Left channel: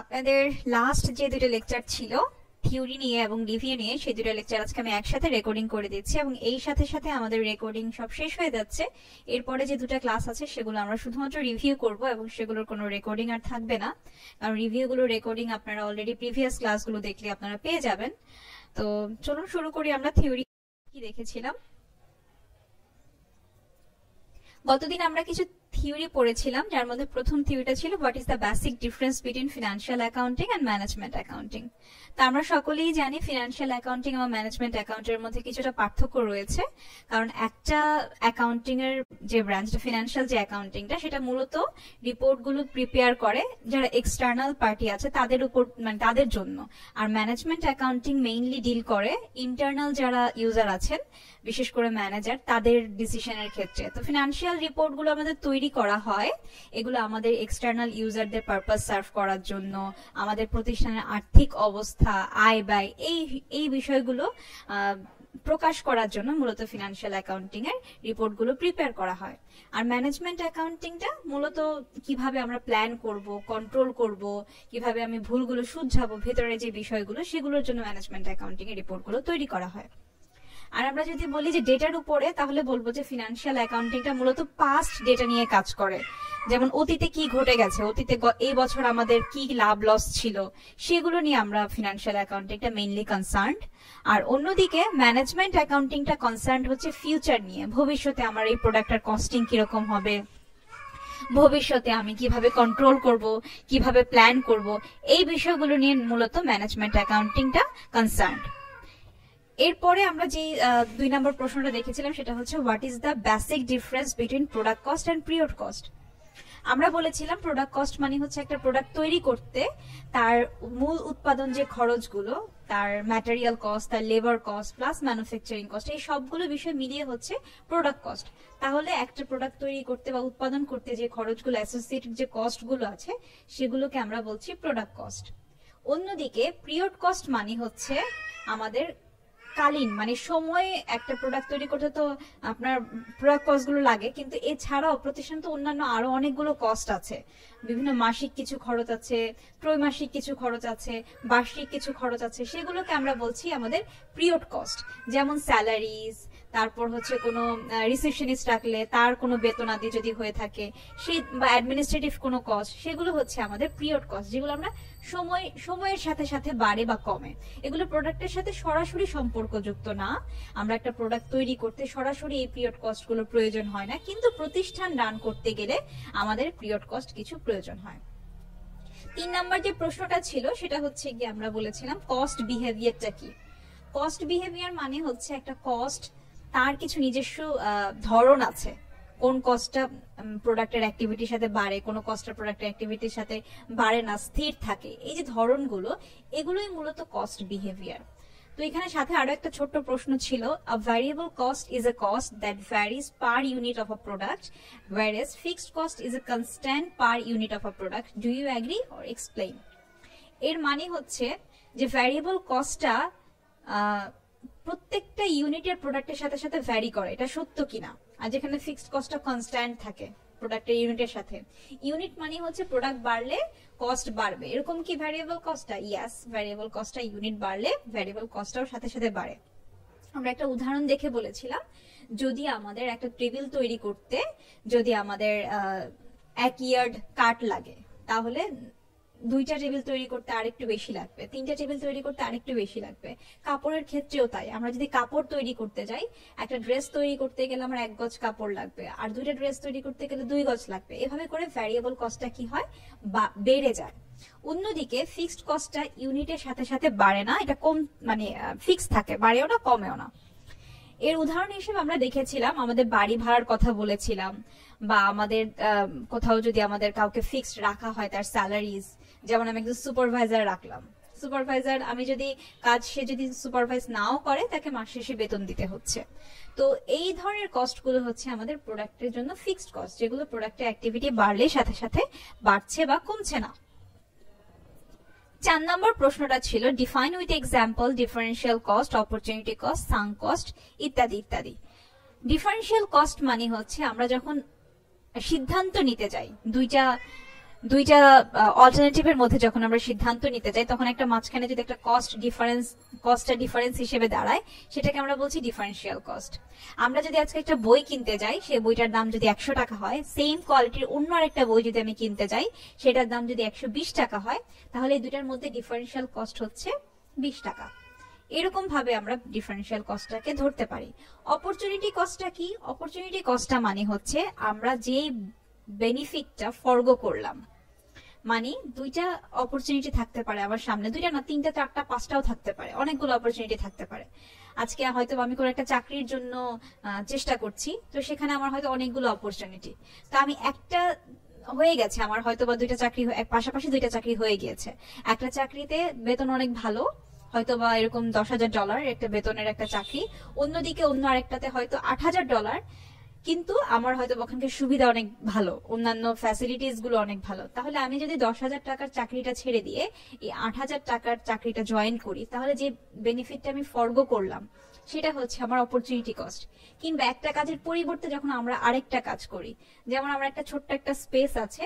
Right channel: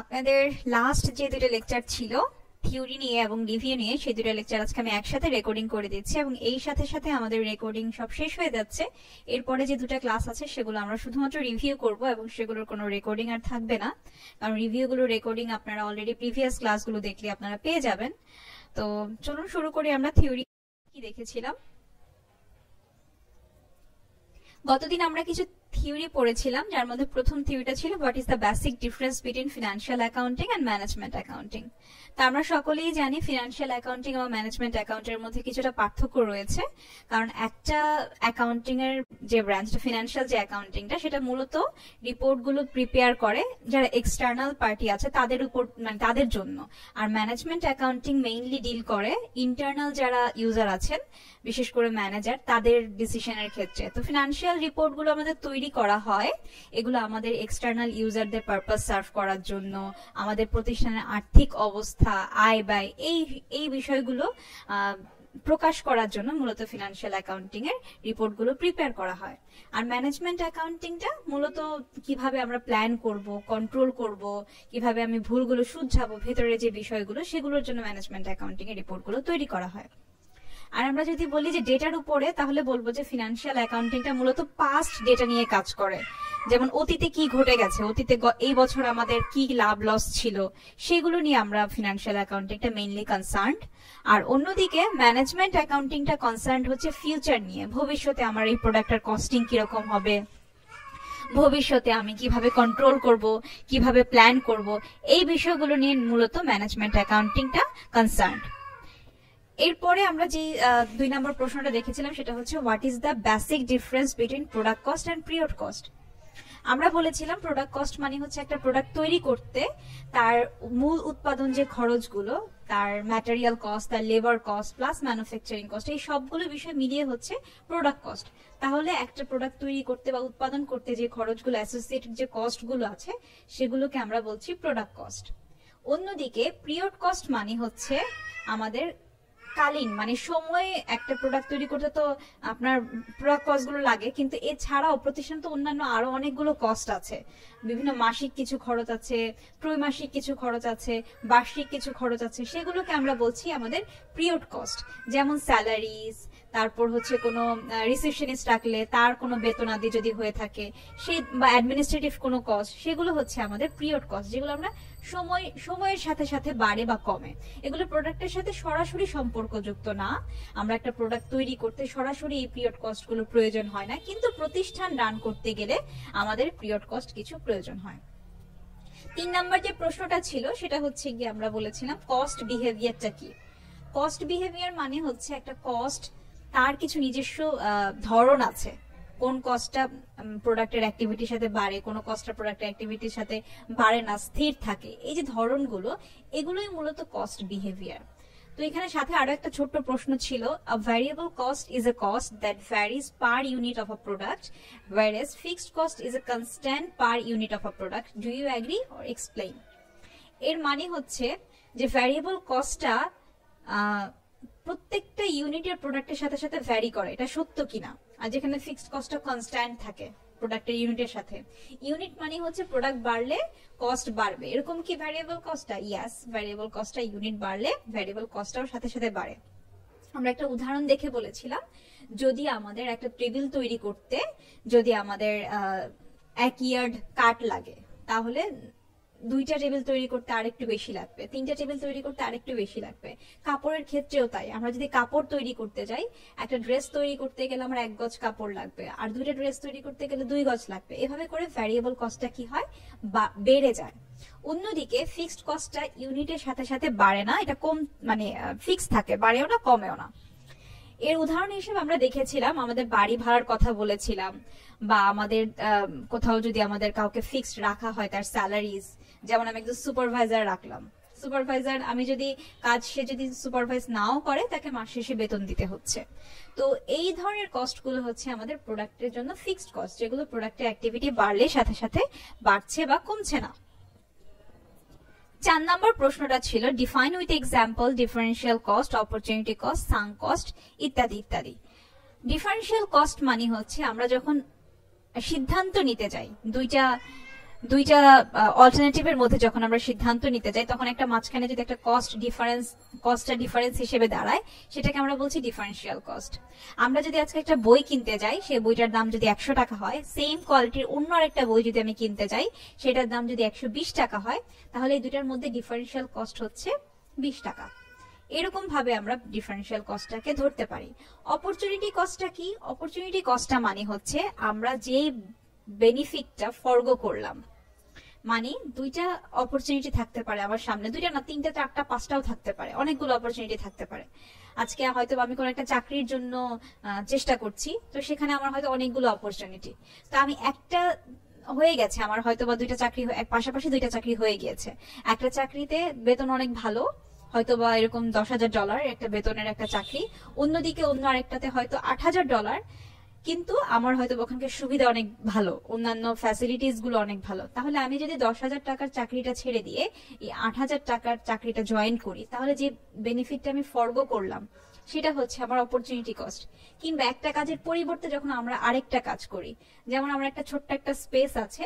আপনাদের লাস্ট যে দুটো লেকচার ছিল থিওরি নিয়ে এবং রিভিউ নিয়ে, সেই দুটো লেকচার আজকে আমি একসাথে রেকর্ডিং করে দিচ্ছি এবং এই সাথে সাথে আমাদের রেকর্ডিং সব শেষ হয়ে যাচ্ছে। এরপরে যে দুটো ক্লাস আছে সেগুলো আমরা শুধুমাত্র রিভিউ করব এবং সেগুলোর কোনো রেকর্ডিং আর থাকবে না, কারণ রিভিউগুলোর রেকর্ডিং আপনারা অলরেডি প্রিভিয়াস ক্লাসগুলো দেখলে আপনারা পেয়ে যাবেন। তো চলুন শুরু করি। আমরা থিওরি কি দেখেছিলাম? গতদিন আমরা কিছু থিওরি পড়েছিলাম, যার মধ্যে প্রথম থিওরিটা ছিল what is the basic difference between financial accounting and management accounting. তো আমরা সকলেই জানি ফিনান্সিয়াল অ্যাকাউন্টিং এবং ম্যানেজমেন্ট অ্যাকাউন্টের মধ্যে কিছুটা পার্থক্য রয়েছে, কারণ একটা অ্যাকাউন্টিং এর যে ব্রাঞ্চটা ফিনান্সিয়াল যে অ্যাকাউন্টিংটা, সেটা মূলত রিপোর্টগুলো প্রিপেয়ার করে যারা এক্সটার্নাল পার্টি আছে তাদের উপর, মানে তাদের জন্য। আর ম্যানেজমেন্ট অ্যাকাউন্টিং মেইনলি ডিল করে ইন্টারনাল যারা ইউজার আছেন, বিশেষ করে ম্যানেজার, তাদের ডিসিশনের ক্ষেত্রে। তো ফিনান্সিয়াল রিপোর্টগুলো আমাদের তৈরি করা হয়, এগুলো আমাদের এক্সটার্নাল ইউজারদের পারপাস সার্ভ করার জন্য, আমাদের প্রতিষ্ঠানের আর্থিক অবস্থা, আয় ব্যয়, এই বিষয়গুলো প্রকাশ করার জন্য মূলত ফিনান্সিয়াল অ্যাকাউন্টিং এর রিপোর্টগুলো প্রিপেয়ার করা হয়। আর ম্যানেজমেন্ট অ্যাকাউন্টিংটা মূলত কিভাবে আমরা প্ল্যান করব, কন্ট্রোল করব, কিভাবে আমি ভুলগুলো শুধরাবো, ভেতরে যে বিষয়গুলো, সেগুলোর জন্য ম্যানেজমেন্ট অ্যাকাউন্টিং এর রিপোর্টগুলো তৈরি করা হয়। আর আমরা যদি বলি যে ডেটার উপরে, তাহলে বলবো যে ফিনান্সিয়াল অ্যাকাউন্টিংটা মূলত পাস্ট ডেটা নিয়ে কাজ করে, যেমন অতীতে কি ঘটে গেছে, অতীতে এই বছর আমাদের কি লাভ লস ছিল, সেগুলো নিয়ে আমরা ফিনান্সিয়াল অ্যাকাউন্টিংটা মেইনলি কনসার্নড। আর অন্যদিকে ম্যানেজমেন্ট অ্যাকাউন্টিংটা কনসার্নড হচ্ছে ফিউচার নিয়ে, ভবিষ্যতে আমার এই প্রোডাক্টের কস্টিং কিরকম হবে, ভবিষ্যতে আমি কিভাবে কন্ট্রোল করব, কিভাবে প্ল্যান করব, এই বিষয়গুলো নিয়ে মূলত ম্যানেজমেন্ট অ্যাকাউন্টিংটা কনসার্নড। এরপরে আমরা যে 2 নম্বর প্রশ্নটা দেখেছিলাম সেটা হচ্ছে what is the basic difference between product cost and period cost. আমরা বলেছিলাম প্রোডাক্ট কস্ট মানে হচ্ছে একটা প্রোডাক্ট তৈরি করতে তার মূল উৎপাদন যে খরচগুলো, তার ম্যাটেরিয়াল কস্ট, তার labour cost plus manufacturing cost, এই সবগুলো বিষয় মিলিয়ে হচ্ছে প্রোডাক্ট কস্ট। তাহলে একটা প্রোডাক্ট তৈরি করতে বা উৎপাদন করতে যে খরচগুলো, অ্যাসোসিয়েটেড যে কস্টগুলো আছে, সেগুলোকে আমরা বলছি প্রোডাক্ট কস্ট। অন্যদিকে পিরিয়ড কস্ট মানে হচ্ছে আমাদের কালীন, মানে সময়, একটা প্রোডাক্ট তৈরি করতে তো আপনার প্রোডাক্ট কস্ট গুলো লাগে, কিন্তু এছাড়াও প্রতিষ্ঠান তো অন্যান্য আরো অনেকগুলো কস্ট আছে, বিভিন্ন মাসিক কিছু খরচ আছে, ত্রৈমাসিক কিছু খরচ আছে, বার্ষিক কিছু খরচ আছে, সেগুলোকে আমরা বলছি আমাদের পিরিয়ড কস্ট। যেমন স্যালারিজ, তারপর হচ্ছে কোনো রিসেপশনিস্ট রাখলে তার কোনো বেতনাদি যদি হয়ে থাকে, সে বা অ্যাডমিনিস্ট্রেটিভ কোনো কস্ট, সেগুলো হচ্ছে আমাদের পিরিয়ড কস্ট, যেগুলো আমরা সময়ের সাথে সাথে বাড়ে বা কমে। এগুলো প্রোডাক্টের সাথে সরাসরি সম্পর্কযুক্ত না, আমরা একটা প্রোডাক্ট তৈরি করতে সরাসরি এই পিরিয়ড কস্ট গুলো প্রয়োজন হয় না, কিন্তু প্রতিষ্ঠান রান করতে গেলে আমাদের পিরিয়ড কস্ট কিছু প্রয়োজন হয়। 3 নম্বর যে প্রশ্নটা ছিল সেটা হচ্ছে গিয়ে আমরা বলেছিলাম কস্ট বিহেভিয়ারটা কি। কস্ট বিহেভিয়ার মানে হচ্ছে একটা কস্ট, তার কিছু নিজস্ব ধরন আছে, কোন কস্টটা প্রোডাক্টের অ্যাক্টিভিটির সাথে বাড়ে, কোন কস্টটা প্রোডাক্টের অ্যাক্টিভিটির সাথে বাড়ে না, স্থির থাকে, এই যে ধরনগুলো, এগুলোই মূলত কস্ট বিহেভিয়ার। তো এখানে সাথে আরো একটা ছোট্ট প্রশ্ন ছিল, a variable cost is a cost that varies per unit of a product whereas fixed cost is a constant per unit of a product, do you agree or explain. এর মানে হচ্ছে যে ভ্যারিয়েবল কস্টটা প্রত্যেকটা ইউনিটের প্রোডাক্টের সাথে সাথে ভ্যারি করে, এটা সত্য কিনা। আর যেখানে ফিক্সড কস্টটা কনস্ট্যান্ট থাকে প্রোডাক্টের ইউনিটের সাথে, ইউনিট মানে হচ্ছে প্রোডাক্ট বাড়লে কস্ট বাড়বে, এরকম কি ভ্যারিয়েবল কস্টটা? ইয়েস, ভ্যারিয়েবল কস্টটা ইউনিট বাড়লে ভ্যারিয়েবল কস্টটাও সাথে সাথে বাড়ে। আমরা একটা উদাহরণ দেখে বলেছিলাম, যদি আমাদের একটা টেবিল তৈরি করতে যদি আমাদের 1 ইয়ার্ড কাঠ লাগে, তাহলে 2টা টেবিল তৈরি করতে আরেকটু বেশি লাগবে, 3টা টেবিল তৈরি করতে আরেকটু বেশি লাগবে। কাপড়ের ক্ষেত্রেও তাই, আমরা যদি কাপড় তৈরি করতে যাই, একটা ড্রেস তৈরি করতে গেলে আমার 1 গজ কাপড় লাগবে, আর 2টা ড্রেস তৈরি করতে গেলে 2 গজ লাগবে। এভাবে করে ভ্যারিয়েবল কস্টটা কি হয়, বেড়ে যায়। অন্যদিকে ফিক্সড কস্টটা ইউনিটের সাথে সাথে বাড়ে না, এটা কম, মানে ফিক্স থাকে, বাড়েও না কমেও না। এর উদাহরণ হিসেবে আমরা দেখেছিলাম, আমাদের বাড়ি ভাড়ার কথা বলেছিলাম, বা আমাদের কোথাও যদি আমাদের কাউকে ফিক্সড রাখা হয় তার স্যালারিজ, যেমন আমি একজন সুপারভাইজার রাখলাম, সুপারভাইজার আমি যদি কাজ, সে যদি সুপারভাইজ নাও করে, তাকে মাস শেষে বেতন দিতে হচ্ছে। তো এই ধরনের কস্ট গুলো হচ্ছে আমাদের প্রোডাক্টের জন্য ফিক্সড কস্ট, যেগুলো প্রোডাক্টের অ্যাক্টিভিটি বাড়লে সাথে সাথে বাড়ছে বা কমছে না। 4 নম্বর প্রশ্নটা ছিল define with example differential cost, opportunity cost, sunk cost ইত্যাদি ইত্যাদি। ডিফারেন্সিয়াল কস্ট মানে হচ্ছে আমরা যখন সিদ্ধান্ত নিতে যাই, দুইটা অল্টারনেটিভের মধ্যে যখন আমরা সিদ্ধান্ত নিতে যাই তখন একটা মাঝখানে যদি একটা কস্টটা ডিফারেন্স হিসেবে দাঁড়ায় সেটাকে আমরা বলছি ডিফারেন্সিয়াল কস্ট। আমরা যদি আজকে একটা বই কিনতে যাই, সেই বইটার দাম যদি 100 টাকা হয়, সেম কোয়ালিটির অন্য একটা বই যদি আমি কিনতে যাই সেটার দাম যদি 120 টাকা হয়, তাহলে এই দুটার মধ্যে ডিফারেন্সিয়াল কস্ট হচ্ছে 20 টাকা। এরকম ভাবে আমরা ডিফারেন্সিয়াল কস্টটাকে ধরতে পারি। অপরচুনিটি কস্টটা কি? অপরচুনিটি কস্টটা মানে হচ্ছে আমরা যে বেনিফিটটা ফরগো করলাম, মানে দুইটা অপরচুনিটি থাকতে পারে আমার সামনে, দুইটা না, তিনটা, চারটা, পাঁচটাও থাকতে পারে, অনেকগুলো অপরচুনিটি থাকতে পারে। আজকে হয়তো আমি কোনো একটা চাকরির জন্য চেষ্টা করছি, তো সেখানে আমার হয়তো অনেকগুলো অপরচুনিটি, তো আমি একটা হয়ে গেছে আমার হয়তো বা দুইটা চাকরি, পাশাপাশি দুইটা চাকরি হয়ে গিয়েছে। একটা চাকরিতে বেতন অনেক ভালো, হয়তো বা এরকম $10,000 একটা বেতনের একটা চাকরি, অন্যদিকে অন্য আরেকটাতে হয়তো $8,000, কিন্তু আমার হয়তো ওখানকার সুবিধা অনেক ভালো, অন্যান্য ফ্যাসিলিটিস গুলো অনেক ভালো। তাহলে আমি যদি 10,000 টাকার চাকরিটা ছেড়ে দিয়ে এই 8,000 টাকার চাকরিটা জয়েন করি, তাহলে যে বেনিফিটটা আমি ফরগো করলাম সেটা হচ্ছে আমার অপরচুনিটি কস্ট। কিংবা একটা কাজের পরিবর্তে যখন আমরা আরেকটা কাজ করি, যেমন আমার একটা ছোট্ট একটা স্পেস আছে,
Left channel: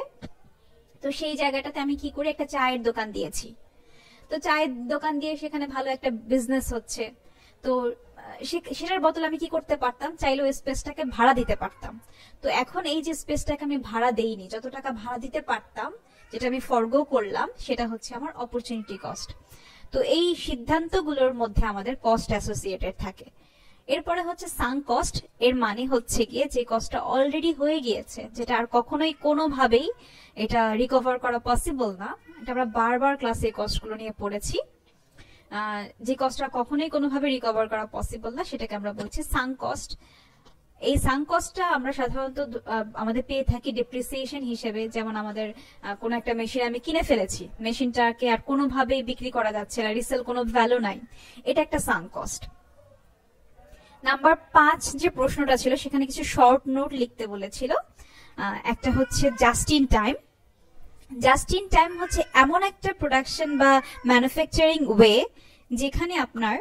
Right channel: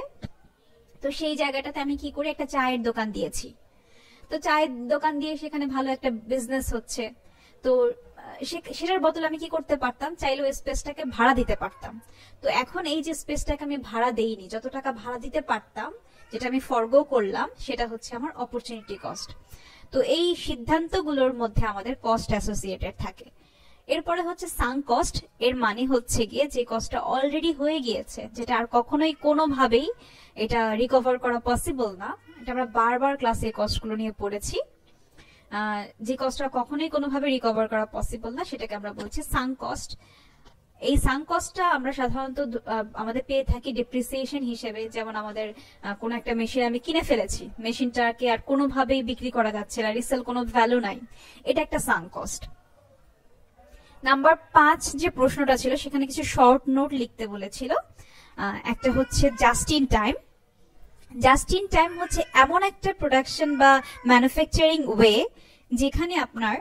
তো সেই জায়গাটাতে আমি কি করি, একটা চায়ের দোকান দিয়েছি, তো চায়ের দোকান দিয়ে সেখানে ভালো একটা বিজনেস হচ্ছে, তো সেটার বদলে আমি কি করতে পারতাম, চাইলে ওই স্পেসটাকে ভাড়া দিতে পারতাম। তো এখন এই যে স্পেসটাকে আমি ভাড়া দেইনি, যত টাকা ভাড়া দিতে পারতাম, যেটা আমি ফরগো করলাম, সেটা হচ্ছে আমার অপরচুনিটি কস্ট। তো এই সিদ্ধান্তগুলোর মধ্যে আমাদের কস্ট অ্যাসোসিয়েটেড থাকে। এরপরে হচ্ছে সাঙ্ক কস্ট। এর মানে হচ্ছে গিয়ে যে কস্টটা অলরেডি হয়ে গিয়েছে, যেটা আর কখনোই কোনোভাবেই এটা রিকভার করা পসিবল না। এটা আমরা বারবার ক্লাসে এই কস্টগুলো নিয়ে পড়েছি। যে কস্টটা কখনোই কোনোভাবে রিকভার করা পসিবল না, সেটাকে আমরা বলছি সাঙ্ক কস্ট। এই সাঙ্ক কস্টটা আমরা সাধারণত আমাদের পেয়ে থাকি ডেপ্রিসিয়েশন হিসেবে। যেমন আমাদের কোনো একটা মেশিন আমি কিনে ফেলেছি, মেশিনটাকে আর কোনোভাবেই বিক্রি করা যাচ্ছে না, রিসেল কোনো ভ্যালু নাই, এটা একটা সাঙ্ক কস্ট। নাম্বার 5 যে প্রশ্নটা ছিল সেখানে কিছু শর্ট নোট লিখতে বলেছিল। একটা হচ্ছে just in time. Just in time হচ্ছে এমন একটা প্রোডাকশন বা ম্যানুফ্যাকচারিং ওয়ে যেখানে আপনার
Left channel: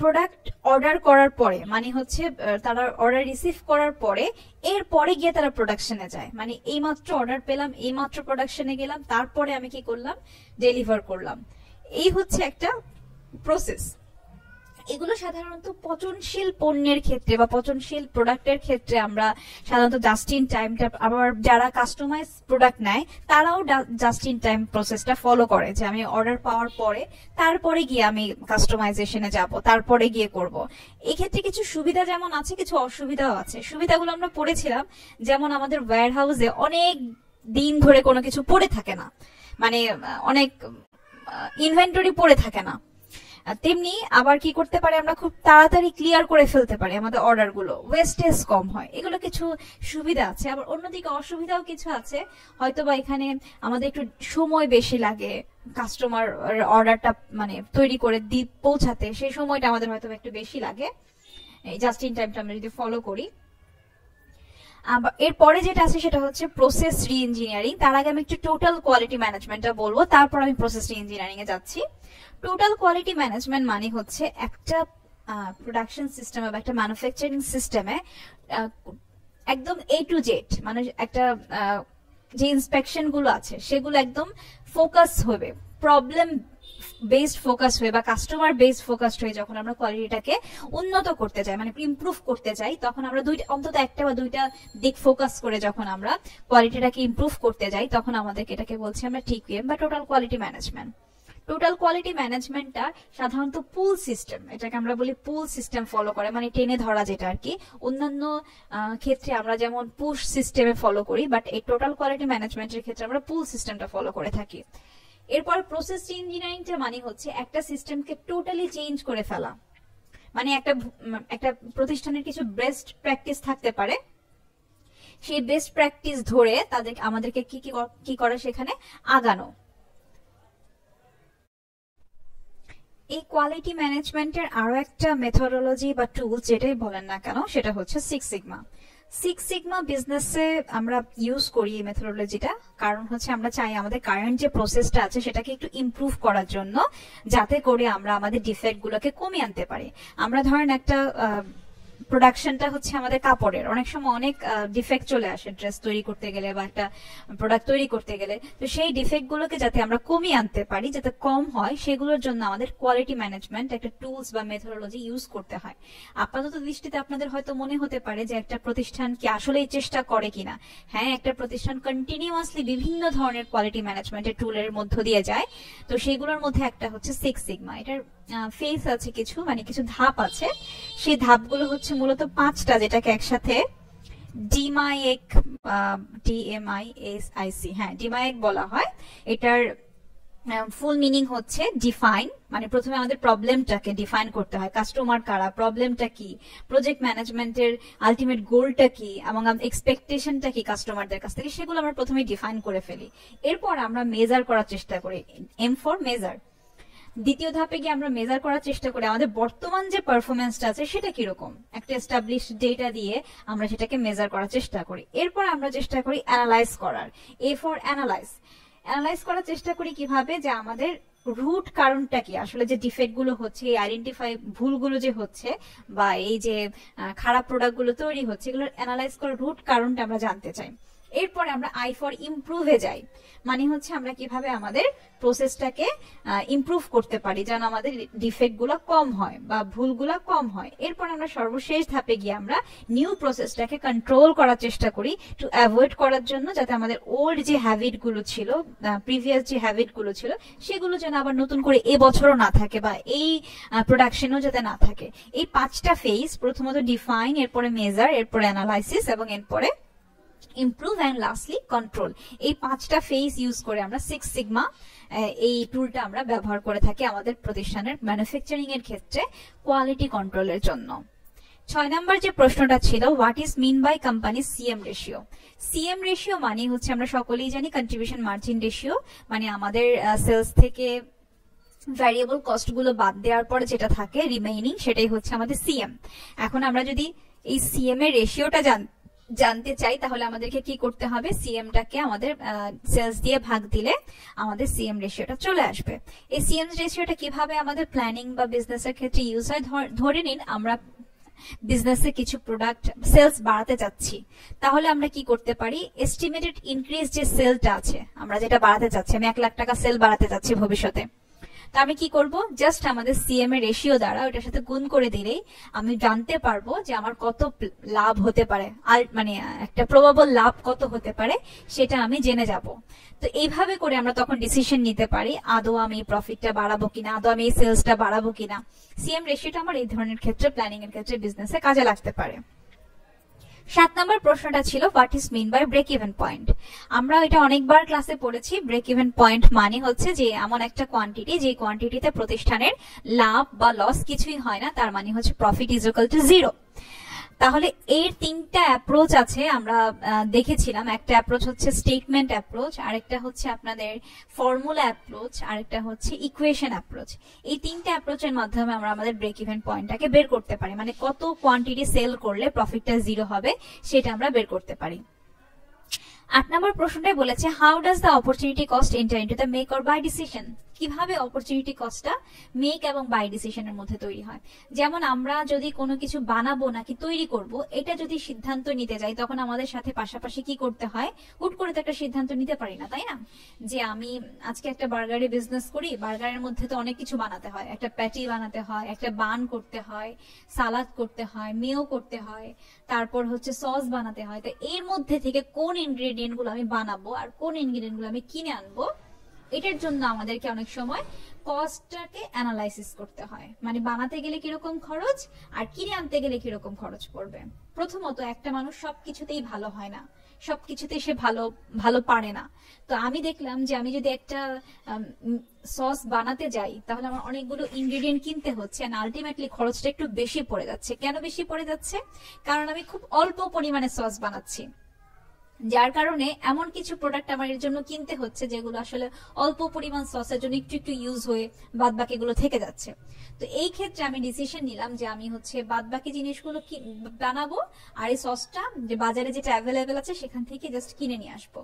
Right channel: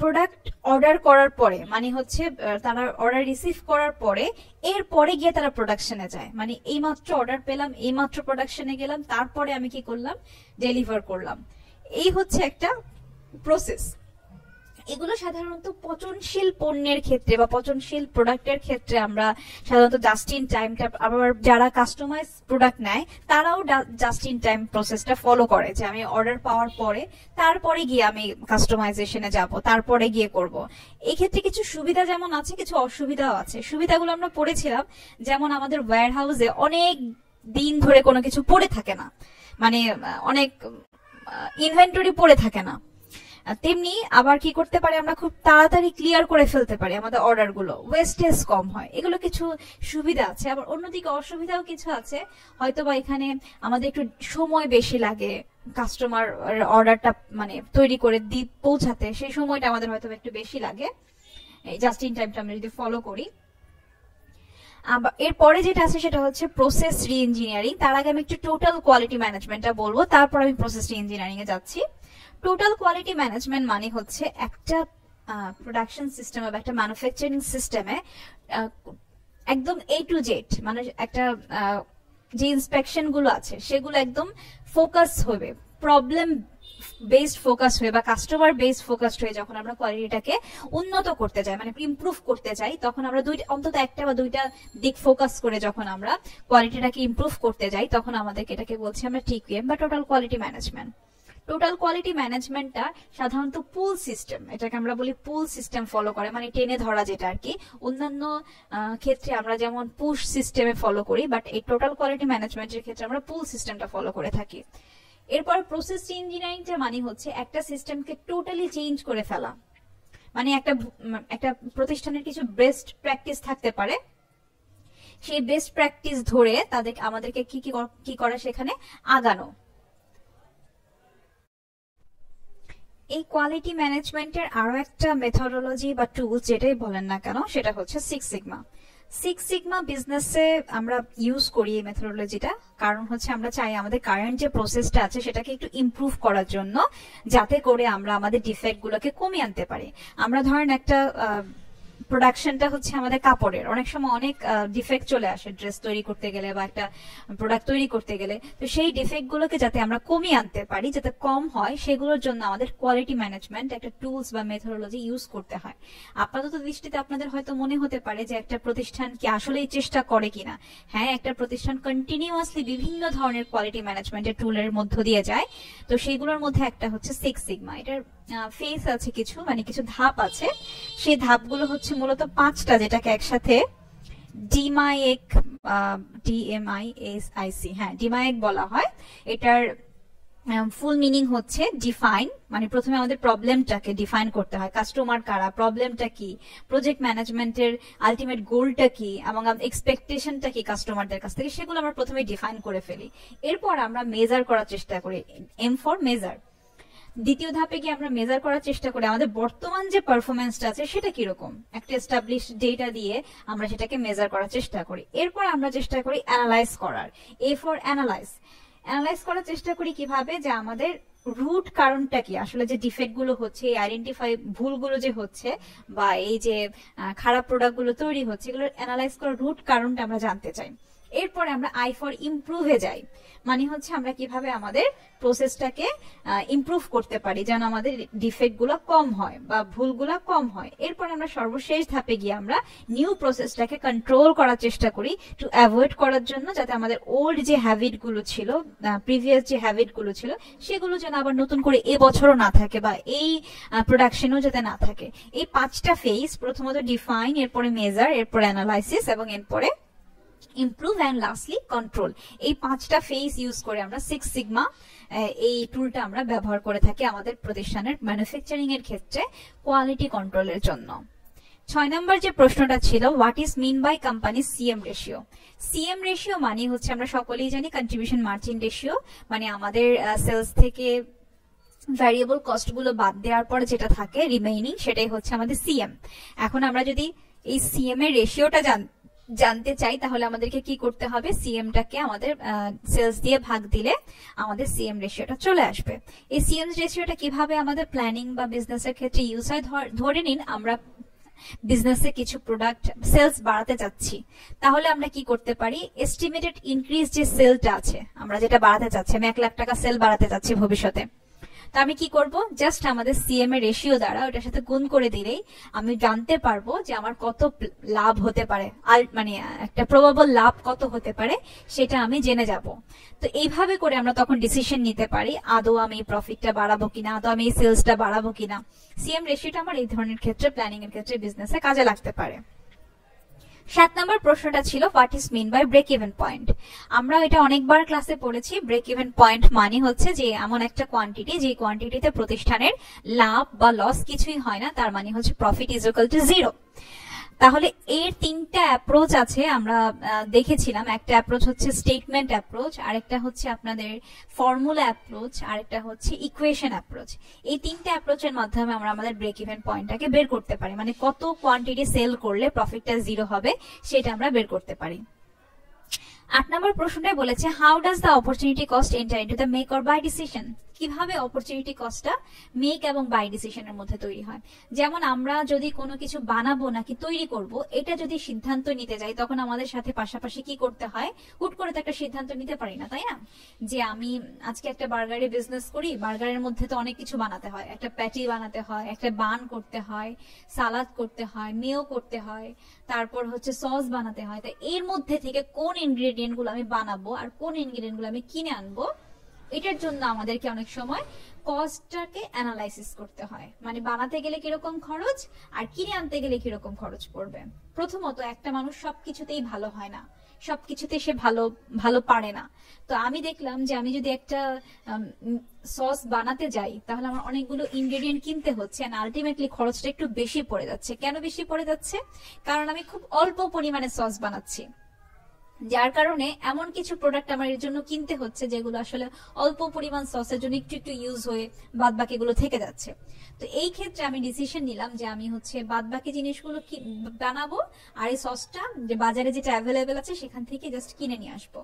প্রোডাক্ট অর্ডার করার পরে, মানে হচ্ছে তারা অর্ডার রিসিভ করার পরে এরপরে গিয়ে তারা প্রোডাকশনে যায়, মানে এইমাত্র অর্ডার পেলাম, এইমাত্র প্রোডাকশনে গেলাম, তারপরে আমি কি করলাম, ডেলিভার করলাম। এই হচ্ছে একটা প্রসেস। এগুলো সাধারণত পচনশীল পণ্যের ক্ষেত্রে বা পচনশীল প্রোডাক্টের ক্ষেত্রে আমরা সাধারণত জাস্ট ইন টাইমটা, আবার যারা কাস্টমাইজ প্রোডাক্ট নেয় তারাও জাস্ট ইন টাইম প্রসেসটা ফলো করে, যে আমি অর্ডার পাওয়ার পরে তারপরে গিয়ে আমি কাস্টমাইজেশনে যাব, তারপরে গিয়ে করব। এক্ষেত্রে কিছু সুবিধা যেমন আছে, কিছু অসুবিধাও আছে। সুবিধাগুলো আমরা পড়েছিলাম, যেমন আমাদের ওয়্যার হাউসে অনেক দিন ধরে কোনো কিছু পড়ে থাকে না, মানে অনেক ইনভেন্টরি পড়ে থাকে না। তেমনি আবার কি করতে পারি, আমরা খুব তাড়াতাড়ি ক্লিয়ার করে ফেলতে পারি, আমাদের অর্ডার গুলো ওয়েস্টেজ কম হয়। এগুলো কিছু সুবিধা আছে। আবার অন্যদিকে অসুবিধাও কিছু আছে, হয়তো বা এখানে আমাদের একটু সময় বেশি লাগে কাস্টমার অর্ডারটা মানে তৈরি করে পৌঁছাতে, সেই সময়টা আমাদের হয়তো একটু বেশি লাগে এই জাস্ট ইন টাইমটা আমরা যদি ফলো করি। এরপরে যেটা আছে সেটা হচ্ছে প্রসেস রি ইঞ্জিনিয়ারিং। তার আগে আমি একটু টোটাল কোয়ালিটি ম্যানেজমেন্টটা বলবো, তারপর আমি প্রসেস রি ইঞ্জিনিয়ারিং এ যাচ্ছি। টোটাল কোয়ালিটি ম্যানেজমেন্ট মানে হচ্ছে একটা প্রোডাকশন সিস্টেম বা একটা ম্যানুফ্যাকচারিং সিস্টেমে একদম A to Z, মানে একটা যে ইন্সপেকশন গুলো আছে সেগুলো একদম ফোকাস হবে, প্রবলেম বেসড ফোকাস হয়ে বা কাস্টমার বেসড ফোকাসড হয়ে যখন আমরা কোয়ালিটিটাকে উন্নত করতে যাই, মানে ইমপ্রুভ করতে যাই, তখন আমরা অন্তত একটা বা দুইটা দিক ফোকাস করে যখন আমরা কোয়ালিটিটাকে ইমপ্রুভ করতে যাই, তখন আমাদেরকে এটাকে বলছি আমরা TQM বা total quality management. Total quality ম্যানেজমেন্টটা সাধারণত পুল সিস্টেম, এটাকে আমরা বলি পুল সিস্টেম ফলো করে, মানে টেনে ধরা যেটা আর কি। অন্যান্য ক্ষেত্রে আমরা যেমন পুশ সিস্টেমে ফলো করি, বাট এই টোটাল কোয়ালিটি ম্যানেজমেন্টের ক্ষেত্রে আমরা পুল সিস্টেমটা ফলো করে থাকি। এরপর প্রসেস ইঞ্জিনিয়ারিংটা মানে হচ্ছে একটা সিস্টেমকে টোটালি চেঞ্জ করে ফেলা, মানে একটা প্রতিষ্ঠানের কিছু বেস্ট প্র্যাকটিস থাকতে পারে, সেই বেস্ট প্র্যাকটিস ধরে আমাদেরকে কি করে সেখানে আগানো। এই কোয়ালিটি ম্যানেজমেন্টের আরো একটা মেথডোলজি বা টুলস যেটাই বলেন না কেন, সেটা হচ্ছে সিক্স সিগমা। সিক্স সিগমা বিজনেসে আমরা ইউজ করি এই মেথডোলজিটা, কারণ হচ্ছে আমরা চাই আমাদের কারেন্ট যে প্রসেসটা আছে সেটাকে একটু ইমপ্রুভ করার জন্য, যাতে করে আমরা আমাদের ডিফেক্ট গুলোকে কমিয়ে আনতে পারি। আমরা ধরেন একটা প্রোডাকশনটা হচ্ছে আমাদের কাপড়ের, অনেক সময় অনেক ডিফেক্ট চলে আসে ড্রেস তৈরি করতে গেলে বা একটা প্রোডাক্ট তৈরি করতে গেলে। তো সেই ডিফেক্ট গুলোকে যাতে আমরা কমিয়ে আনতে পারি, যাতে কম হয়, সেগুলোর জন্য আমাদের কোয়ালিটি ম্যানেজমেন্ট একটা টুলস বা মেথোডোলজি ইউজ করতে হয়। আপাতত দৃষ্টিতে আপনাদের হয়তো মনে হতে পারে যে একটা প্রতিষ্ঠান কি আসলেই চেষ্টা করে কিনা। হ্যাঁ, একটা প্রতিষ্ঠান কন্টিনিউয়াসলি বিভিন্ন ধরনের কোয়ালিটি ম্যানেজমেন্টের টুলের মধ্য দিয়ে যায়। তো সেইগুলোর মধ্যে একটা হচ্ছে সিক্স সিগমা। এটার ফেস আছে কিছু, মানে কিছু ধাপ আছে। সেই ধাপগুলো হচ্ছে মূলত 5টা, যেটাকে একসাথে ডিমাইক, DMISIC, হ্যাঁ ডিমাইক বলা হয়। এটার ফুল মিনিং হচ্ছে ডিফাইন, মানে প্রথমে আমাদের প্রবলেমটাকে ডিফাইন করতে হয়, কাস্টমার কারা, প্রবলেমটা কি, প্রজেক্ট ম্যানেজমেন্টের আলটিমেট গোলটা কি এবং এক্সপেকটেশনটা কি কাস্টমারদের কাছ থেকে, সেগুলো আমরা প্রথমে ডিফাইন করে ফেলি। এরপর আমরা মেজার করার চেষ্টা করি, এম ফর মেজার। দ্বিতীয় ধাপে গিয়ে আমরা মেজার করার চেষ্টা করি আমাদের বর্তমান যে পারফরমেন্সটা আছে সেটা কিরকম, একটা এস্টাবলিশড ডেটা দিয়ে আমরা সেটাকে মেজার করার চেষ্টা করি। এরপর আমরা চেষ্টা করি অ্যানালাইজ করার, এ ফর অ্যানালাইজ। অ্যানালাইজ করার চেষ্টা করি কিভাবে, যে আমাদের রুট কারণটা কি, আসলে যে ডিফেক্ট গুলো হচ্ছে, আইডেন্টিফাই ভুলগুলো যে হচ্ছে বা এই যে খারাপ প্রোডাক্ট গুলো তৈরি হচ্ছে, এগুলো অ্যানালাইজ করার রুট কারণটা আমরা জানতে চাই। এরপরে আমরা আই ফর ইমপ্রুভে যাই, মানে হচ্ছে আমরা কিভাবে আমাদের প্রসেসটাকে ইমপ্রুভ করতে পারি যেন আমাদের ডিফেক্ট গুলা কম হয় বা ভুলগুলা কম হয়। এরপর আমরা সর্বশেষ ধাপে গিয়ে আমরা নিউ প্রসেসটাকে কন্ট্রোল করার চেষ্টা করি, টু অ্যাভয়েড করার জন্য, যাতে আমাদের ওল্ড যে হ্যাবিট গুলো ছিল, প্রিভিয়াস যে হ্যাবিট গুলো ছিল, সেগুলো যেন আবার নতুন করে এবছরও না থাকে বা এই প্রোডাকশনেও যাতে না থাকে। এই 5টা ফেজ, প্রথমত ডিফাইন, এরপরে মেজার, এরপরে অ্যানালাইসিস এবং এরপরে ইমপ্রুভ এন্ড লাস্টলি কন্ট্রোল, এই 5টা ফেজ ইউজ করে আমরা সিক্স সিগমা এই টুলটা আমরা ব্যবহার করে থাকি আমাদের প্রতিষ্ঠানের ম্যানুফ্যাকচারিং এর ক্ষেত্রে কোয়ালিটি কন্ট্রোলের জন্য। 6 নম্বর যে প্রশ্নটা ছিল, what is mean by company CM ratio. CM ratio মানে হচ্ছে আমরা সকলেই জানি কন্ট্রিবিউশন মার্জিন রেশিও, মানে আমাদের সেলস থেকে ভ্যারিয়েবল কস্ট গুলো বাদ দেওয়ার পর যেটা থাকে রিমেইনিং, সেটাই হচ্ছে আমাদের সিএম। এখন আমরা যদি এই সিএম এর রেশিওটা জানতে চাই, তাহলে আমাদেরকে কি করতে হবে, সিএমটাকে আমাদের সেলস দিয়ে ভাগ দিলে আমাদের সিএম রেশিওটা চলে আসবে। এই সিএম রেশিওটা কিভাবে আমাদের প্ল্যানিং বা বিজনেসের ক্ষেত্রে ইউজ হয়, ধরে নিন আমরা বিজনেসে কিছু প্রোডাক্ট সেলস বাড়াতে চাচ্ছি, তাহলে আমরা কি করতে পারি, এস্টিমেটেড ইনক্রিজ যে সেলটা আছে, আমরা যেটা বাড়াতে চাচ্ছি, আমি 1 লাখ টাকা সেল বাড়াতে চাচ্ছি ভবিষ্যতে, তো আমি কি করব, জাস্ট আমাদের সিএম এর রেশিও দ্বারা ওটার সাথে গুণ করে দিলেই আমি জানতে পারবো যে আমার কত লাভ হতে পারে, আর মানে একটা প্রবাবল লাভ কত হতে পারে সেটা আমি জেনে যাব। তো এইভাবে করে আমরা তখন ডিসিশন নিতে পারি আদৌ আমি প্রফিটটা বাড়াবো কিনা, আদৌ আমি সেলসটা বাড়াবো কিনা। সিএম রেশিওটা আমার এই ধরনের ক্ষেত্রে, প্ল্যানিং এর ক্ষেত্রে, বিজনেসে কাজে লাগতে পারে। 7 নম্বর প্রশ্নটা ছিল, what is mean by break even point. আমরা এটা অনেকবার ক্লাসে পড়েছি। ব্রেক ইভেন পয়েন্ট মানে হচ্ছে যে এমন একটা কোয়ান্টিটি, যে কোয়ান্টিটিতে প্রতিষ্ঠানের লাভ বা লস কিছুই হয় না, তার মানে হচ্ছে প্রফিট ইজ ইকুয়াল টু 0। তাহলে এর 3টা অ্যাপ্রোচ আছে, আমরা দেখেছিলাম। একটা অ্যাপ্রোচ হচ্ছে স্টেটমেন্ট অ্যাপ্রোচ, আরেকটা হচ্ছে আপনাদের ফর্মুলা অ্যাপ্রোচ, আরেকটা হচ্ছে ইকুয়েশন অ্যাপ্রোচ। এই 3টা অ্যাপ্রোচের মাধ্যমে আমরা আমাদের ব্রেক ইভেন পয়েন্টটাকে বের করতে পারি, মানে কত কোয়ান্টিটি সেল করলে প্রফিটটা 0 হবে সেটা আমরা বের করতে পারি। 8 নম্বর প্রশ্নটাই বলেছে, how does the opportunity cost enter into the make or buy decision. কিভাবে অপরচুনিটি কস্টটা মেক এবং বাই ডিসিশনের মধ্যে তৈরি হয়। যেমন আমরা যদি কোনো কিছু বানাবো নাকি তৈরি করব, এটা যদি সিদ্ধান্ত নিতে যাই, তখন আমাদের সাথে পাশাপাশি কি করতে হয়, হুট করে তো একটা সিদ্ধান্ত নিতে পারি না, তাই না? যে আমি আজকে একটা বার্গারের বিজনেস করি, বার্গারের মধ্যে তো অনেক কিছু বানাতে হয়, একটা প্যাটি বানাতে হয়, একটা বান করতে হয়, সালাদ করতে হয়, মেও করতে হয়, তারপর হচ্ছে সস বানাতে হয়। তো এর মধ্যে থেকে কোন ইনগ্রেডিয়েন্ট গুলো আমি বানাবো আর কোন ইনগ্রেডিয়েন্ট গুলো আমি কিনে আনবো, এটার জন্য আমাদেরকে অনেক সময় কস্টটাকে অ্যানালাইসিস করতে হয়, মানে বানাতে গেলে কিরকম খরচ আর কিনে আনতে গেলে কিরকম খরচ পড়বে। প্রথমত একটা মানুষ সবকিছুতেই ভালো হয় না, সবকিছুতে সে ভালো পারে না। তো আমি দেখলাম যে আমি যদি একটা সস বানাতে যাই, তাহলে আমার অনেকগুলো ইনগ্রেডিয়েন্ট কিনতে হচ্ছে, আর আলটিমেটলি খরচটা একটু বেশি পড়ে যাচ্ছে। কেন বেশি পড়ে যাচ্ছে? কারণ আমি খুব অল্প পরিমাণে সস বানাচ্ছি, যার কারণে এমন কিছু প্রোডাক্ট আমার এর জন্য কিনতে হচ্ছে যেগুলো আসলে অল্প পরিমাণ সসের জন্য একটু একটু ইউজ হয়ে বাদ বাকিগুলো থেকে যাচ্ছে। তো এই ক্ষেত্রে আমি ডিসিশন নিলাম যে আমি হচ্ছে বাদ বাকি জিনিসগুলো বানাবো, আর এই সসটা যে বাজারে যেটা অ্যাভেলেবেল আছে সেখান থেকে জাস্ট কিনে নিয়ে আসবো।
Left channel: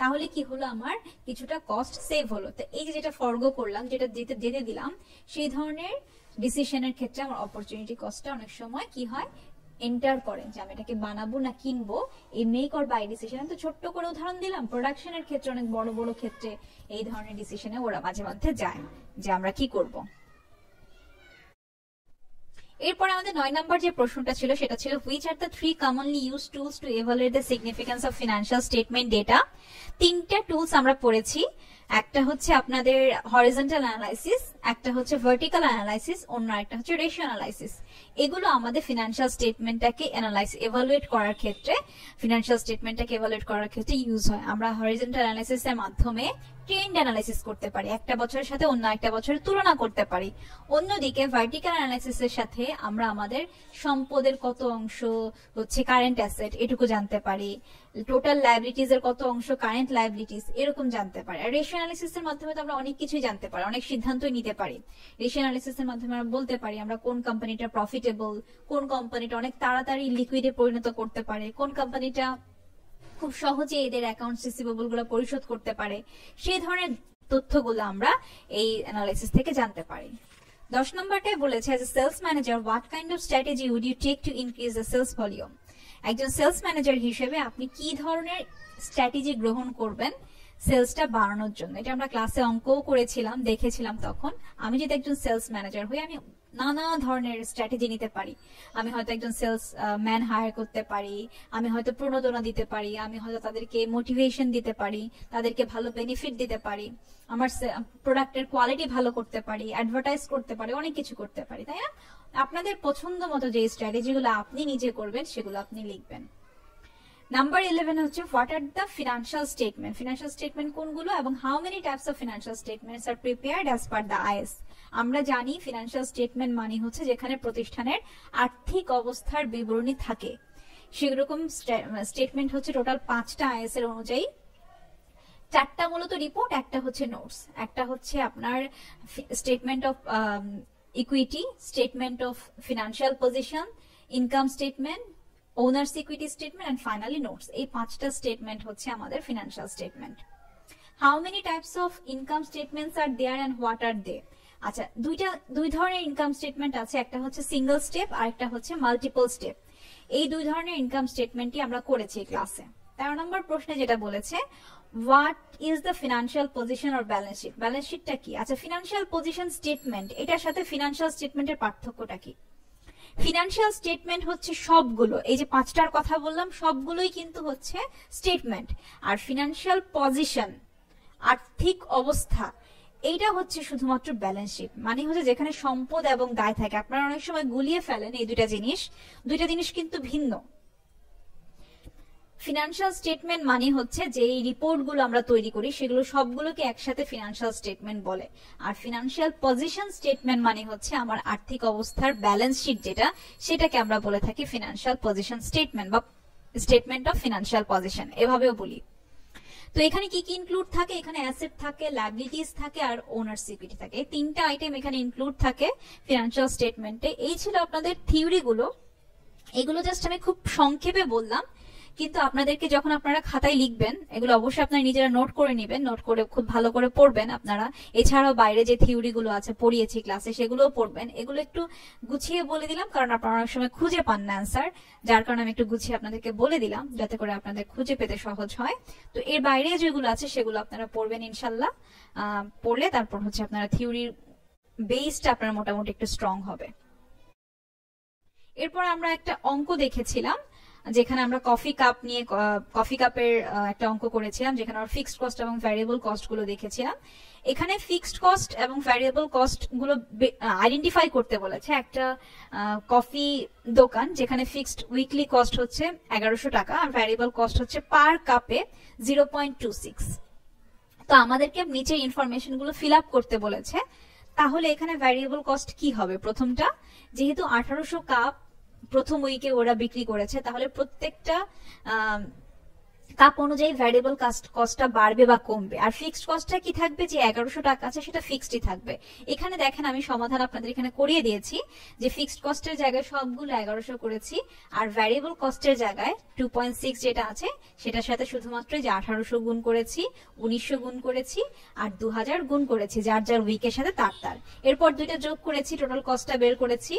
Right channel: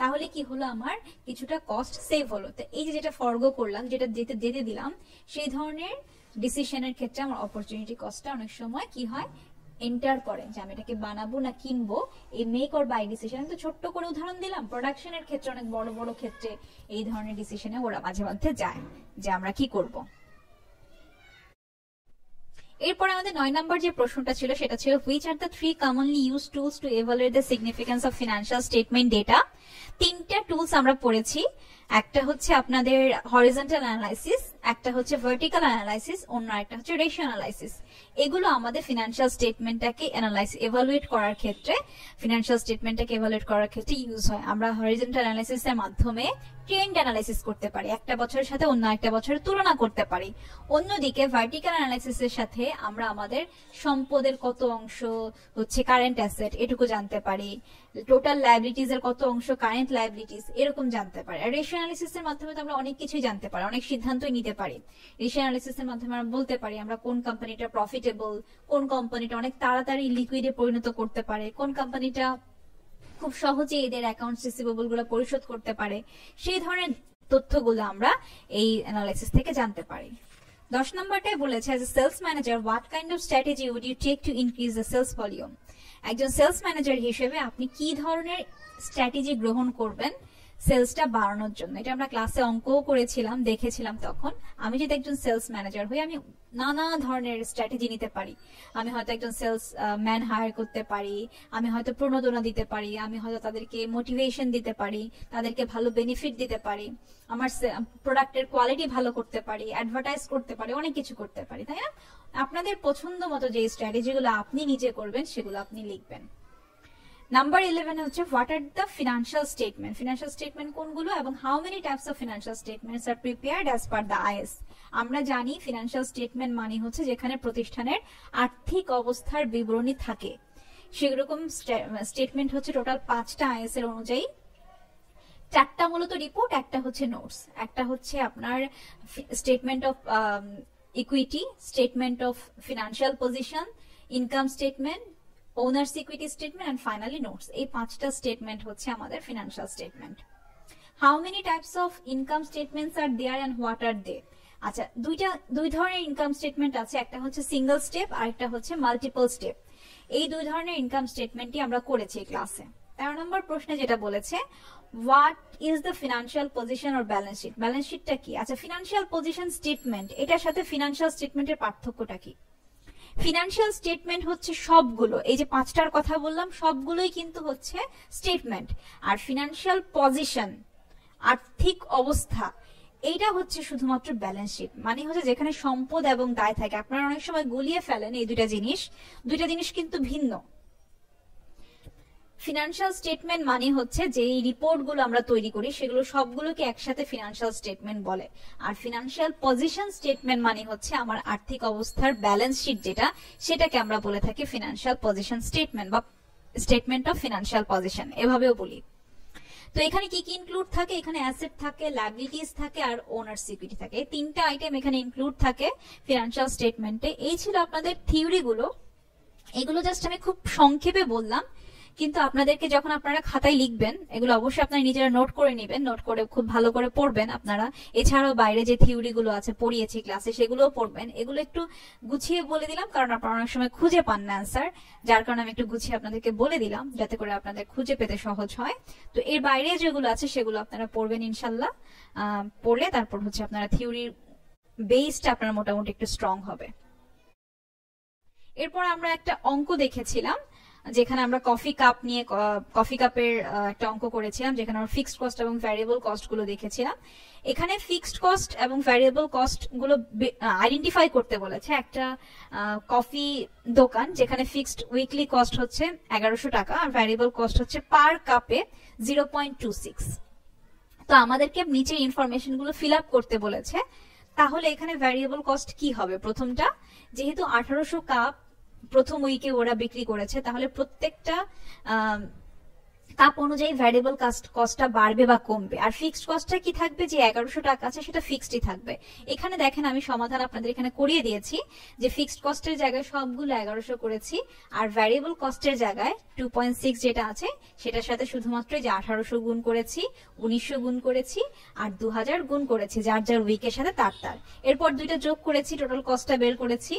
তাহলে কি হলো, আমার কিছুটা কস্ট সেভ হলো। তো এই যে যেটা ফরগো করলাম, যেটা যেতে দিলাম, সেই ধরনের ডিসিশনের ক্ষেত্রে আমার অপরচুনিটি কস্টটা অনেক সময় কি হয়, এন্টার করেন যে আমি এটাকে বানাবো না কিনবো, এই মেক অর বাই ডিসিশন, তো ছোট্ট করে উদাহরণ দিলাম, প্রোডাকশনের ক্ষেত্রে অনেক বড় বড় ক্ষেত্রে এই ধরনের ডিসিশনে ওরা মাঝে মধ্যে যায় যে আমরা কি করব। এরপর আমাদের 9 নম্বর যে প্রশ্নটা ছিল সেটা ছিল which are the 3 commonly used tools to evaluate the significance of financial statement data। তিনটা টুলস আমরা পড়েছি, একটা হচ্ছে আপনাদের হরিজন্টাল অ্যানালাইসিস, একটা হচ্ছে ভার্টিক্যাল অ্যানালাইসিস, অন্য একটা হচ্ছে রেশিও অ্যানালাইসিস। এগুলো আমাদের ফিনান্সিয়াল স্টেটমেন্টটাকে এভালুয়েট করার ক্ষেত্রে ইউজ হয়। আমরা হরিজন্টাল অ্যানালাইসিসের মাধ্যমে ট্রেন্ড অ্যানালাইসিস করতে পারি, একটা বছরের সাথে অন্য একটা বছরের তুলনা করতে পারি। অন্যদিকে ভার্টিক্যাল অ্যানালাইসিসের সাথে আমরা আমাদের সম্পদের কত অংশ হচ্ছে কারেন্ট অ্যাসেট এটুকু জানতে পারি, টোটাল লায়াবিলিটিজ এর কত অংশ কারেন্ট লায়াবিলিটিজ এরকম জানতে পারি। আর রেশিও অ্যানালিসিসের মাধ্যমে তো আমরা অনেক কিছুই জানতে পারি, অনেক সিদ্ধান্তই নিতে পারি। রেশিও অ্যানালিসিসের মাধ্যমে আমরা বলতে পারি আমরা কোন কোম্পানিটা প্রফিটেবল, কোন কোম্পানিটা অনেক তাড়াতাড়ি লিকুইডে পরিণত করতে পারে, কোন কোম্পানিটা খুব সহজে এদের অ্যাকাউন্টস রিসিভেবল গুলো পরিশোধ করতে পারে, সেই ধরনের তথ্যগুলো আমরা এই অ্যানালাইসিস থেকে জানতে পারি। 10 নম্বরটাই বলেছে as a sales manager what kind of strategy would you take to increase the sales volume। একজন সেলস ম্যানেজার হিসেবে আপনি কি ধরনের স্ট্র্যাটেজি গ্রহণ করবেন সেলসটা বাড়ানোর জন্য। এটা আমরা ক্লাসে অঙ্কও করেছিলাম, দেখেছিলাম। তখন আমি যদি একজন সেলস ম্যানেজার হই আমি নানা ধরনের স্ট্র্যাটেজি নিতে পারি। আমি হয়তো একজন সেলস ম্যান হায়ার করতে পারি, আমি হয়তো প্রণোদনা দিতে পারি, আমি হয়তো তাদেরকে মোটিভেশন দিতে পারি, তাদেরকে ভালো বেনিফিট দিতে পারি, আমার প্রোডাক্টের কোয়ালিটি ভালো করতে পারি, অ্যাডভার্টাইজ করতে পারি, অনেক কিছু করতে পারি, তাই না? আপনাদের পছন্দ মতো যে স্ট্র্যাটেজিগুলো আপনি নিজে করবেন সেগুলো আপনি লিখবেন। নাম্বার 11 হচ্ছে what are the financial statement. Financial statement কোনগুলো এবং how many types of financial statements are prepared as per the is. আমরা জানি ফিনান্সিয়াল স্টেটমেন্ট মানে হচ্ছে যেখানে প্রতিষ্ঠানের আর্থিক অবস্থার বিবরণী থাকে। সেরকম স্টেটমেন্ট হচ্ছে টোটাল 5টা আইএস এর অনুযায়ী। 4টা মূলত রিপোর্ট, একটা হচ্ছে নোটস, একটা হচ্ছে আপনার statement of equity, statement of financial position, income statement, owners equity statement and finally notes. এই 5টা স্টেটমেন্ট হচ্ছে আমাদের financial statement. How many types of income statements are there and what are they. আচ্ছা, দুই ধরনের ইনকাম স্টেটমেন্ট আছে, একটা হচ্ছে সিঙ্গেল স্টেপ আর একটা হচ্ছে মাল্টিপল স্টেপ। এই দুই ধরনের ইনকাম স্টেটমেন্টই আমরা করেছি ক্লাসে। 13 নম্বর প্রশ্নে যেটা বলেছে what is the financial position or balance sheet. Balance শিটটা কি? আচ্ছা, ফিনান্সিয়াল পজিশন স্টেটমেন্ট, এটার সাথে ফিনান্সিয়াল স্টেটমেন্টের পার্থক্যটা কি? ফিনান্সিয়াল স্টেটমেন্ট হচ্ছে সবগুলো, এই যে 5টার কথা বললাম সবগুলোই কিন্তু হচ্ছে স্টেটমেন্ট। আর ফিনান্সিয়াল পজিশন, আর্থিক অবস্থা, এইটা হচ্ছে শুধুমাত্র ব্যালেন্স শিট। মানে হচ্ছে যেখানে সম্পদ এবং দায় থাকে। আপনারা অনেক সময় গুলিয়ে ফেলেন এই দুইটা জিনিস কিন্তু ভিন্ন। ফিনান্সিয়াল স্টেটমেন্ট মানে হচ্ছে যে রিপোর্টগুলো আমরা তৈরি করি সেগুলো সবগুলোকে একসাথে ফিনান্সিয়াল স্টেটমেন্ট বলে। আর ফিনান্সিয়াল পজিশন স্টেটমেন্ট মানে হচ্ছে আমার আর্থিক অবস্থার ব্যালেন্স শিট যেটা, সেটাকে আমরা বলে থাকি ফিনান্সিয়াল পজিশন স্টেটমেন্ট বা স্টেটমেন্ট অফ ফিনান্সিয়াল পজিশন, এভাবেও বলি। তো এখানে কি কি ইনক্লুড থাকে? এখানে অ্যাসেট থাকে, লায়াবিলিটিস থাকে আর ওনার্স ইকুইটি থাকে। এই 3টা আইটেম এখানে ইনক্লুড থাকে ফিনান্সিয়াল স্টেটমেন্টে। এই ছিল আপনাদের থিওরিগুলো। এগুলো জাস্ট আমি খুব সংক্ষেপে বললাম, কিন্তু আপনাদেরকে যখন আপনারা খাতায় লিখবেন এগুলো অবশ্যই আপনারা নিজেরা নোট করে নেবেন, নোট করে খুব ভালো করে পড়বেন আপনারা। এছাড়াও বাইরে যে থিওরিগুলো আছে পড়িয়েছি ক্লাসে সেগুলোও পড়বেন। এগুলো একটু গুছিয়ে বলে দিলাম কারণ আপনারা অনেক সময় খুঁজে পান না অ্যান্সার, যার কারণে আমি একটু গুছিয়ে আপনাদেরকে বলে দিলাম যাতে করে আপনাদের খুঁজে পেতে সহজ হয়। তো এর বাইরে যেগুলো আছে সেগুলো আপনারা পড়বেন ইনশাল্লাহ। পড়লে তারপর হচ্ছে আপনারা থিওরির বেসটা আপনার মোটামুটি একটু স্ট্রং হবে। এরপর আমরা একটা অঙ্ক দেখেছিলাম যেখানে আমরা কফি কাপের একটা অঙ্ক করেছিলাম, যেখানে আমরা ফিক্সড কস্ট এবং ভ্যারিয়েবল কস্ট গুলো দেখেছিলাম। এখানে ফিক্সড কস্ট এবং ভ্যারিয়েবল কস্ট গুলো আইডেন্টিফাই করতে বলেছে। একটা কফি দোকান যেখানে ফিক্সড উইকলি কস্ট হচ্ছে 1100 টাকা আর ভ্যারিয়েবল কস্ট হচ্ছে পার কাপে 0.26। তো আমাদেরকে নিচে ইনফরমেশন গুলো ফিল আপ করতে বলেছে। তাহলে এখানে ভ্যারিয়েবল কস্ট কি হবে? প্রথমটা, যেহেতু 1800 কাপ প্রথম উইকে ওরা বিক্রি করেছে, তাহলে প্রত্যেকটা কাপ অনুযায়ী ভ্যারিয়েবল কস্টটা বাড়বে বা কমবে। আর ফিক্সড কস্টটা কি থাকবে, যে 1100 টাকা আছে সেটা ফিক্সডই থাকবে। এখানে দেখেন আমি সমাধান আপনাদের এখানে করিয়ে দিয়েছি, যে ফিক্সড কস্টের জায়গায় সবগুলো 1100 করেছি, আর ভ্যারিয়েবল কস্টের জায়গায় 2.6 যেটা আছে সেটার সাথে শুধুমাত্র যে 1800 গুণ করেছি, 1900 গুণ করেছি, আর 2000 গুণ করেছি, যার যার উইকের সাথে তার। এরপর দুইটা যোগ করেছি, টোটাল কস্টটা বের করেছি।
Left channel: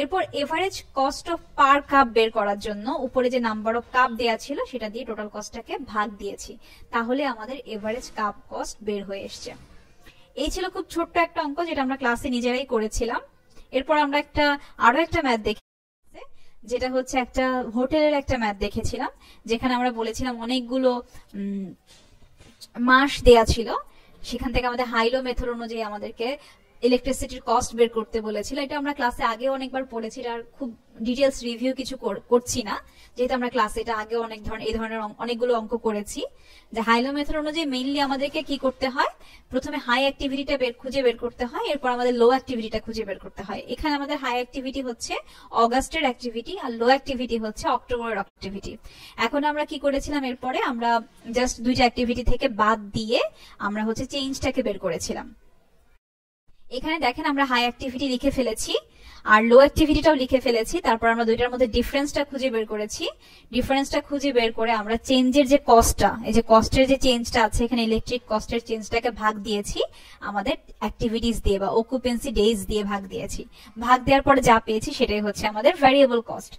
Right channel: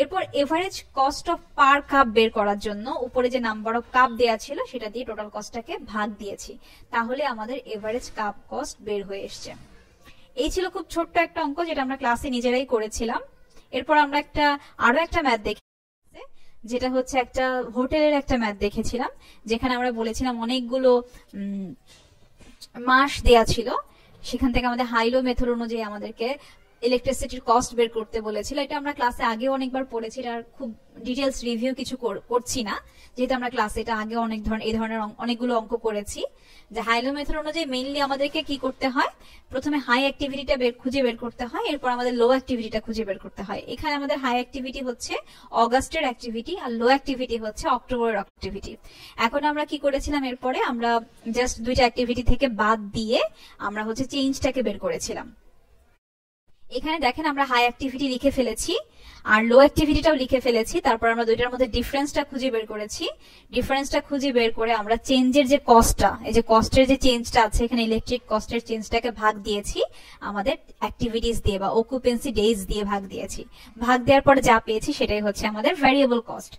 এরপর average cost of per cup বের করার জন্য উপরে যে নাম্বার অফ কাপ দেয়া ছিল সেটা দিয়ে টোটাল কস্টটাকে ভাগ দিয়েছি, তাহলে আমাদের এভারেজ কাপ কস্ট বের হয়ে এসছে। এই ছিল খুব ছোট্ট একটা অঙ্ক, যেটা আমরা ক্লাসে নিজেরাই করেছিলাম। এরপর আমরা আরো একটা ম্যাথ দেখি, যেটা হচ্ছে একটা হোটেলের একটা ম্যাথ দেখেছিলাম, যেখানে আমরা বলেছিলাম অনেকগুলো মাস দেয়া ছিল, সেখান থেকে আমাদের হাইলো মেথড অনুযায়ী আমাদেরকে ইলেকট্রিসিটির কস্ট বের করতে বলেছিল। এটা আমরা ক্লাসে আগে অনেকবার পড়েছি, আর খুব ডিটেলস রিভিউ কিছু করছি না, যেহেতু আমরা ক্লাসে এটা আগে এই ধরনের অনেকগুলো অঙ্ক করেছি। যে হাইলো মেথড অনুযায়ী মেইনলি আমাদেরকে কি করতে হয়, প্রথমে হাই অ্যাক্টিভিটিটা খুঁজে বের করতে হয়, এরপর আমাদের লো অ্যাক্টিভিটিটা খুঁজে বের করতে হয়। এখানে আমাদের হাই অ্যাক্টিভিটি হচ্ছে অগাস্টের অ্যাক্টিভিটি, আর লো অ্যাক্টিভিটি হচ্ছে অক্টোবরের অ্যাক্টিভিটি। এখন আমরা কি করেছিলাম, এরপরে আমরা জাস্ট দুইটা অ্যাক্টিভিটি থেকে বাদ দিয়ে আমরা হচ্ছে চেঞ্জটাকে বের করেছিলাম। এখানে দেখেন আমরা হাই অ্যাক্টিভিটি লিখে ফেলেছি আর লো অ্যাক্টিভিটিটাও লিখে ফেলেছি, তারপর আমরা দুইটার মধ্যে ডিফারেন্সটা খুঁজে বের করেছি। ডিফারেন্সটা খুঁজে বের করে আমরা চেঞ্জের যে কস্টটা, এই যে কস্টের যে চেঞ্জটা আছে এখানে, ইলেকট্রিক কস্টের চেঞ্জটাকে ভাগ দিয়েছি আমাদের অ্যাক্টিভিটিস দিয়ে বা অকুপেন্সি ডেজ দিয়ে ভাগ দিয়েছি। ভাগ দেওয়ার পর যা পেয়েছি সেটাই হচ্ছে আমাদের ভ্যারিয়েবল কস্ট।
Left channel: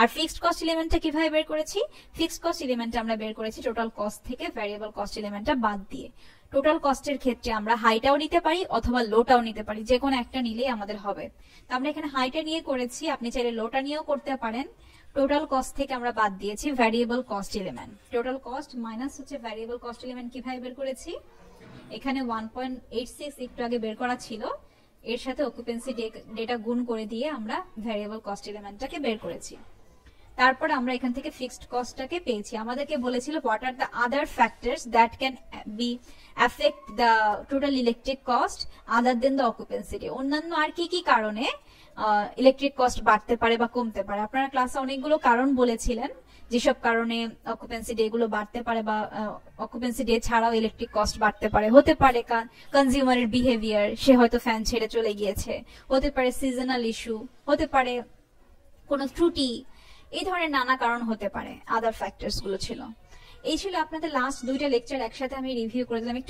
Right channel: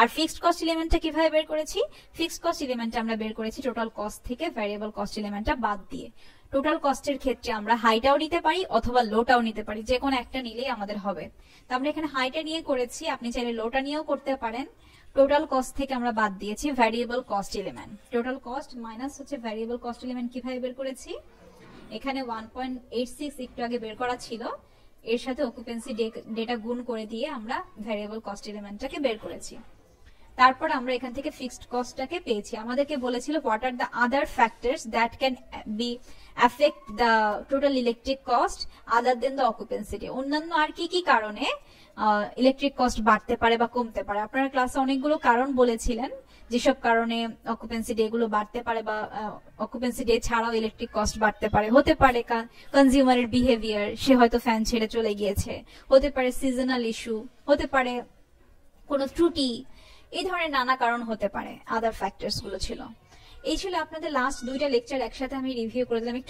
আর ফিক্সড কস্ট এলিমেন্টটা কিভাবে বের করেছি, ফিক্সড কস্ট এলিমেন্টটা আমরা বের করেছি টোটাল কস্ট থেকে ভ্যারিয়েবল কস্ট এলিমেন্টটা বাদ দিয়ে। টোটাল কস্টের ক্ষেত্রে আমরা হাইটাও নিতে পারি অথবা লোটাও নিতে পারি, যে কোনো একটা নিলেই আমাদের হবে। তো আমরা এখানে হাইটা নিয়ে করেছি, আপনি চাইলে লোটা নিয়েও করতে পারেন। টোটাল কস্ট থেকে আমরা বাদ দিয়েছি variable cost element. Total cost minus হচ্ছে ভ্যারিয়েবল কস্ট এলিমেন্ট কিভাবে বের করেছি, এখানে 1.86 একটু আগে বের করা ছিল, এর সাথে অকুপেন্সি ডেটা গুণ করে দিয়ে আমরা ভ্যারিয়েবল কস্ট এলিমেন্টটাকে বের করেছি। তারপর আমরা এখান থেকে ফিক্সড কস্টটাকে পেয়েছি। আমাদেরকে বলেছিল what are the other factors that can be affect the total electric cost other than the occupancy day. অন্যান্য আর কি কি কারণে ইলেকট্রিক কস্ট বাড়তে পারে বা কমতে পারে। আপনারা ক্লাসে অনেকগুলো কারণ বলেছিলেন, যেসব কারণে অকুপেন্সি ডে গুলো বাড়তে পারে বা অকুপেন্সি ডে ছাড়াও ইলেকট্রিক কস্ট বাড়তে পারে। হতে পারে কনজিউমারের বিহেভিয়ার, সে হয়তো ফ্যান ছেড়ে চলে গিয়েছে, হতে পারে সিজনাল ইস্যু, হতে পারে কোনো ত্রুটি, এই ধরনের নানা কারণ হতে পারে। আদার ফ্যাক্টরস গুলো ছিল। এই ছিল আপনাদের লাস্ট দুইটা লেকচার একসাথে আমি রিভিউ করে দিলাম। একটু